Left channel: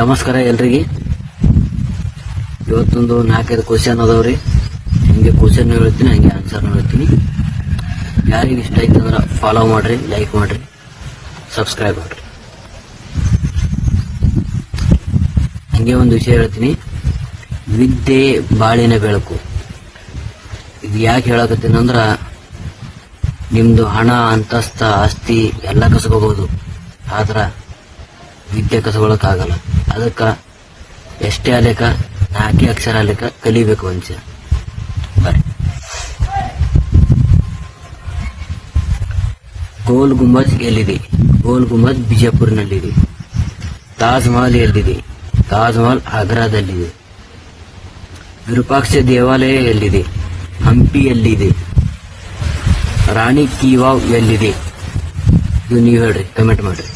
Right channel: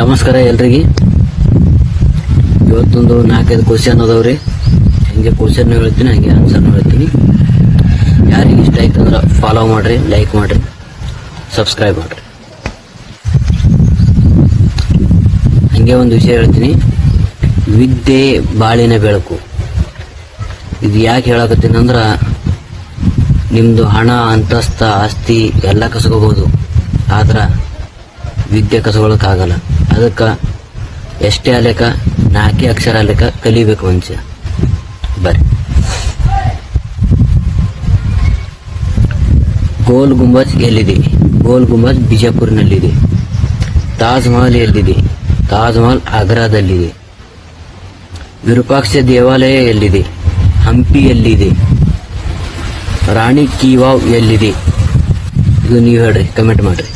ನಮಸ್ಕಾರ ಎಲ್ರಿಗೆ. ಇವತ್ತೊಂದು 4-5 ಕ್ವಶನ್ ಅದಾವ್ರಿ. ಹಂಗೆ ಕ್ವಶನ್ ಹೇಳ್ತೀನಿ, ಹಂಗೆ ಆನ್ಸರ್ ಹೇಳ್ತೀನಿ. ಯಾರಿಗೆ ಇಷ್ಟ ಆಯ್ತು ಅಂದ್ರೆ ಫಾಲೋ ಮಾಡ್ರಿ, ಲೈಕ್ ಮಾಡ್ರಿ, ಸಬ್ಸ್ಕ್ರೈಬ್ ಮಾಡ್ರಿ. ಹಂಗೆ ಒಂದು ವಿಷಯ ಹೇಳ್ತೀನಿ. ವಿದ್ಯೆ ಬಾಳಿನ ಬೆಳಕು. ಇದು ಯಾಕೆ ಹೇಳಕತ್ತೀನಿ ಅಂದ್ರ, ನಿಮ್ದು ಹಣ, ಅಂತಸ್ತ, ಆಸ್ತಿ ಎಲ್ಲ ಕಸ್ಕೋಬಹುದು, ಆದ್ರ ವಿದ್ಯೆ ಕಸಗೊಳಕ್ಕಾಗಲ್ಲ. ಅದಕ್ಕ ಎಷ್ಟೇ ಅಲೆಕ 4 ಅಕ್ಷರ ಅಲೆಕ ಕಲಿಬೇಕು ಮನುಷ್ಯ. ಬರ್ರಿ. ಗೋಲ್ ಗುಂಬಜ್ ಎಲ್ಲಿದೆ? ಗೋಲ್ ಗುಂಬಜ್ ಬಿಜಾಪುರ್ನಲ್ಲಿದೆ. ತಾಜ್ ಮಹಲ್ ಎಲ್ಲಿದೆ? ತಾಜ್ ಮಹಲ್ ಆಗ್ರಾದಲ್ಲಿದೆ. ವಿರೂಪಾಕ್ಷ ದೇವಾಲಯ ಎಲ್ಲಿದೆ? ಹಂಪಿ ಎಲ್ಲಿದೆ? ರಾಣಿ ಕಿ ವಾವ್ ಎಲ್ಲಿದೆ? ಇದು ನೀವು ಹೇಳ್ರಿ, ಕಮೆಂಟ್ ಮಾಡ್ರಿ.